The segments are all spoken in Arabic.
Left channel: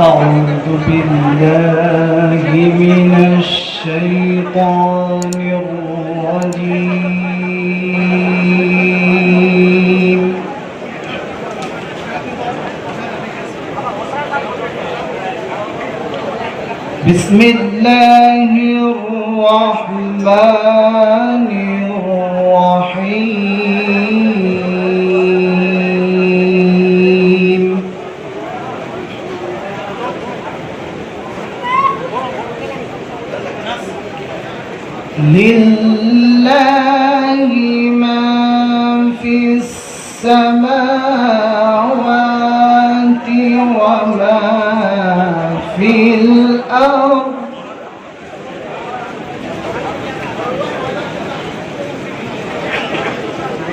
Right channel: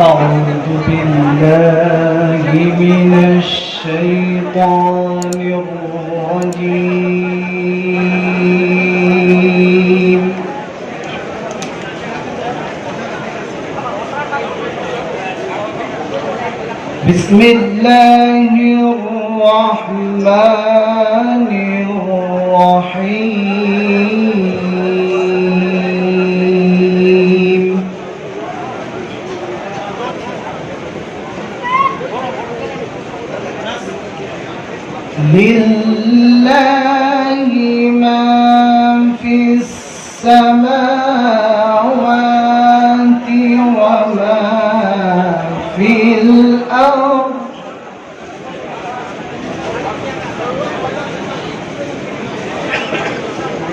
أعوذ بالله من الشيطان الرجيم. بسم الله الرحمن الرحيم. لله ما في السماوات وما في الأرض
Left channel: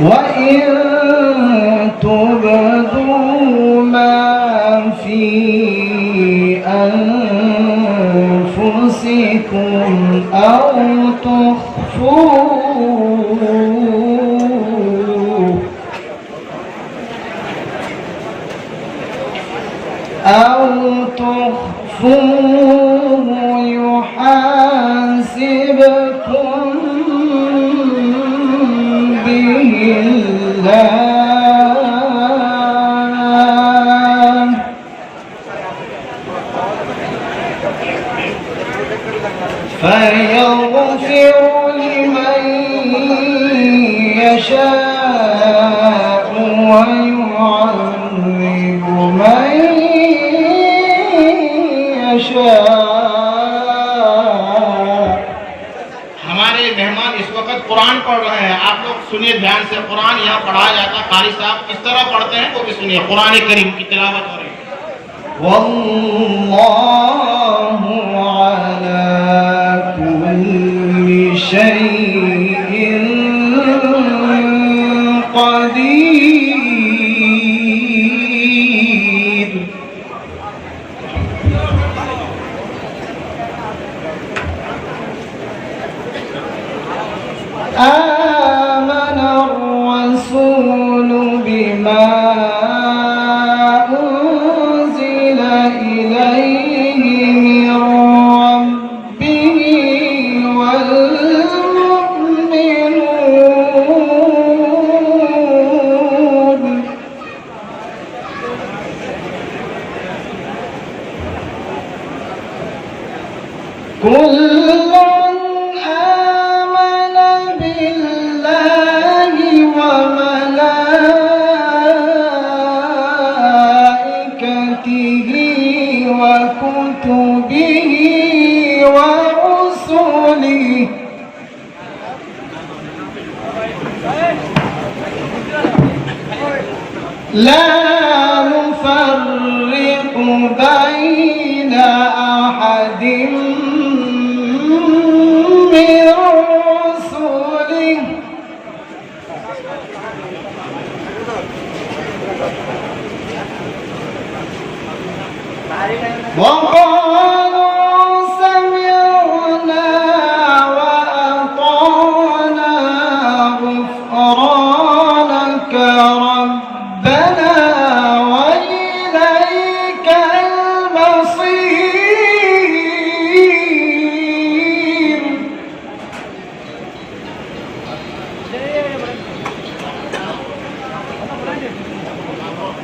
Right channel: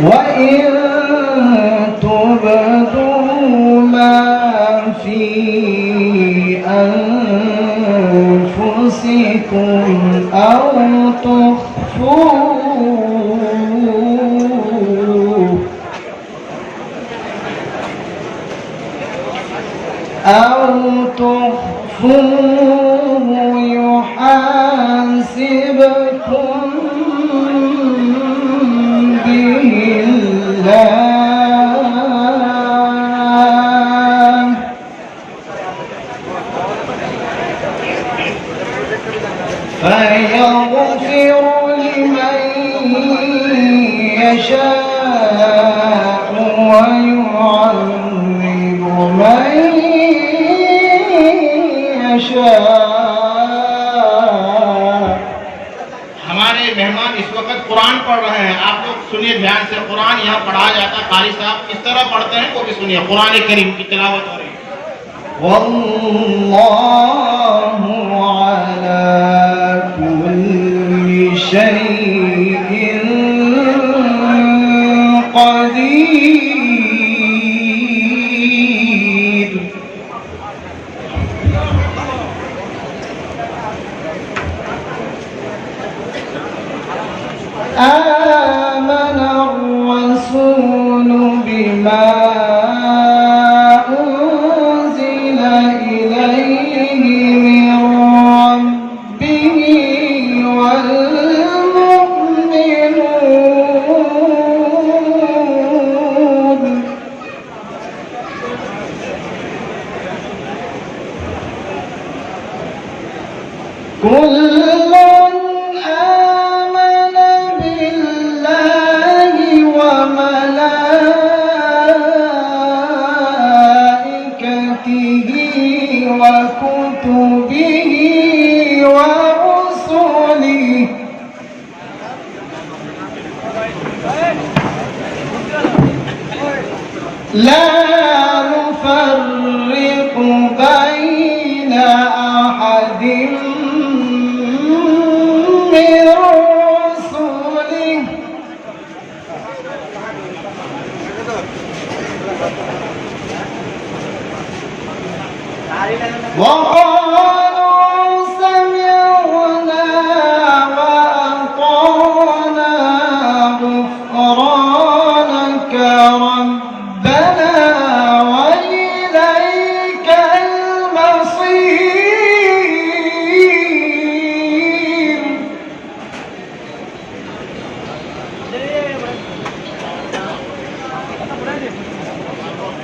وإن تبدوا ما في أنفسكم أو تخفوه يحاسبكم به الله فيغفر لمن يشاء ويعذب من يشاء. हमारे मेहमान इस वक्त कुरान पढ़ रहे हैं, आप लोग सुनिए ध्यान से। कुरान यहाँ पढ़ाया जाता है, कारी साहब किस तरह पढ़ते हैं वो भी सुनिए। कुरान करीम की तिलावत हो रही है। वल्लाहु अला कुल्ली शैइन क़दीर। آمن الرسول بما أنزل إليه من ربه والمؤمنون كل وكتبه ورسله لا نفرق بين أحد من رسله وقالوا سمعنا وأطعنا غفرانك ربنا وإليك المصير.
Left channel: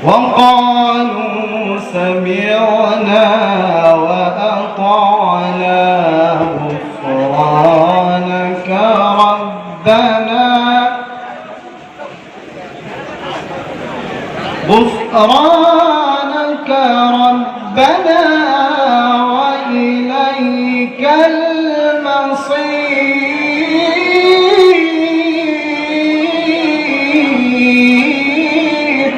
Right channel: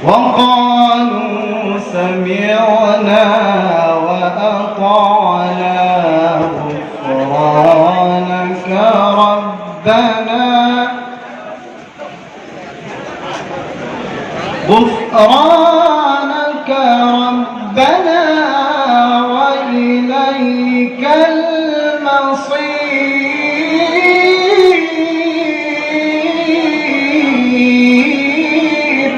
وقالوا سمعنا وأطعنا غفرانك ربنا وإليك المصير.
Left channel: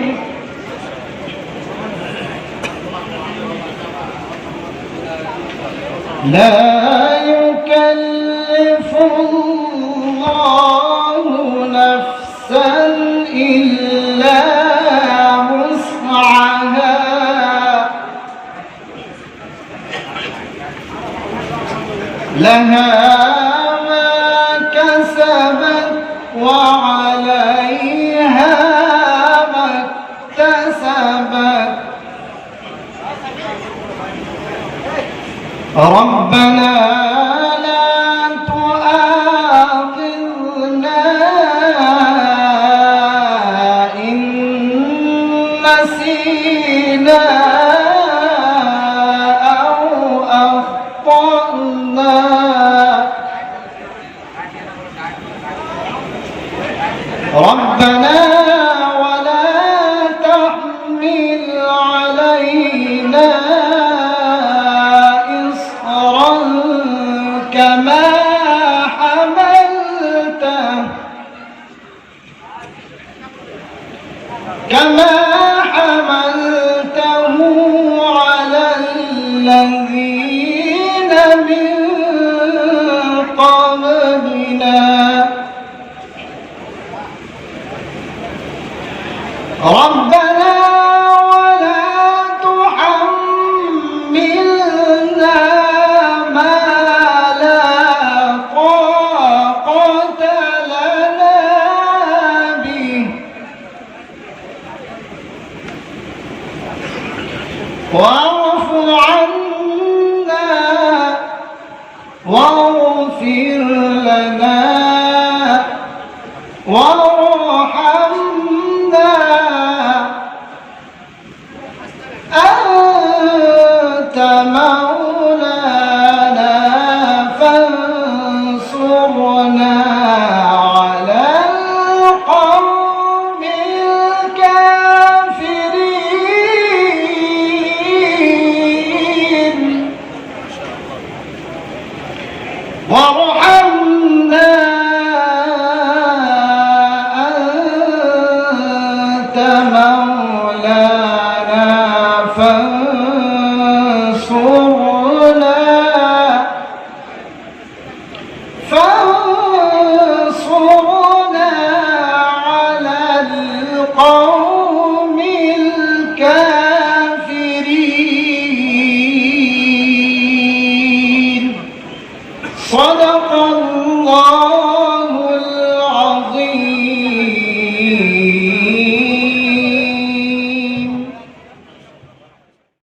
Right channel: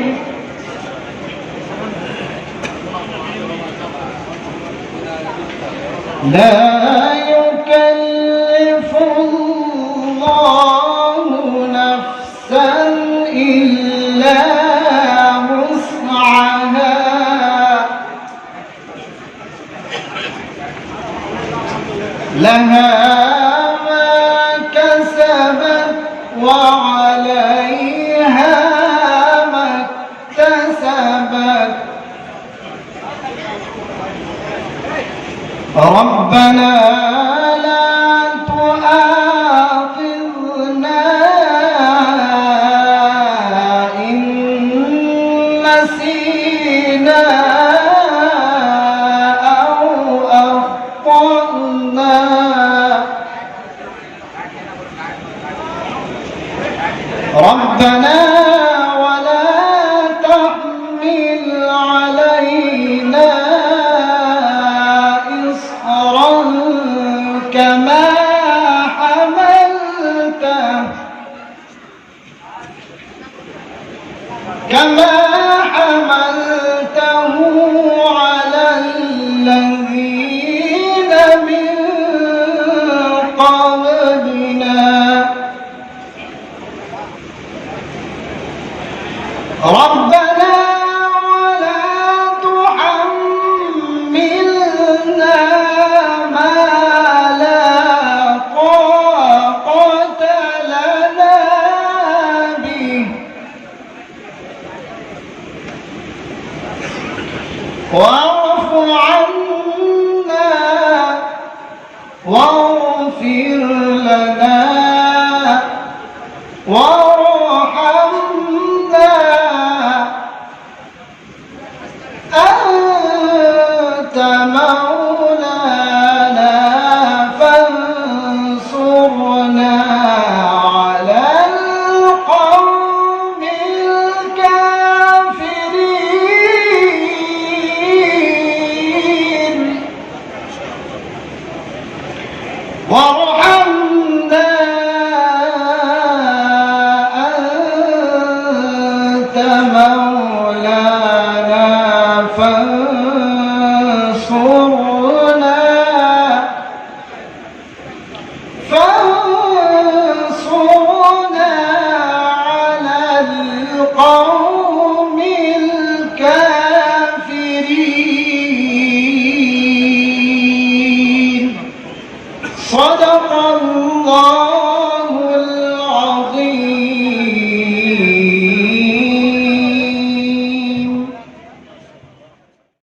لا يكلف الله نفسا إلا وسعها لها ما كسبت وعليها ما اكتسبت ربنا لا تؤاخذنا إن نسينا أو أخطأنا ربنا ولا تحمل علينا إصرا كما حملته على الذين من قبلنا ربنا ولا تحملنا ما لا طاقة لنا به واعف عنا واغفر لنا وارحمنا أنت مولانا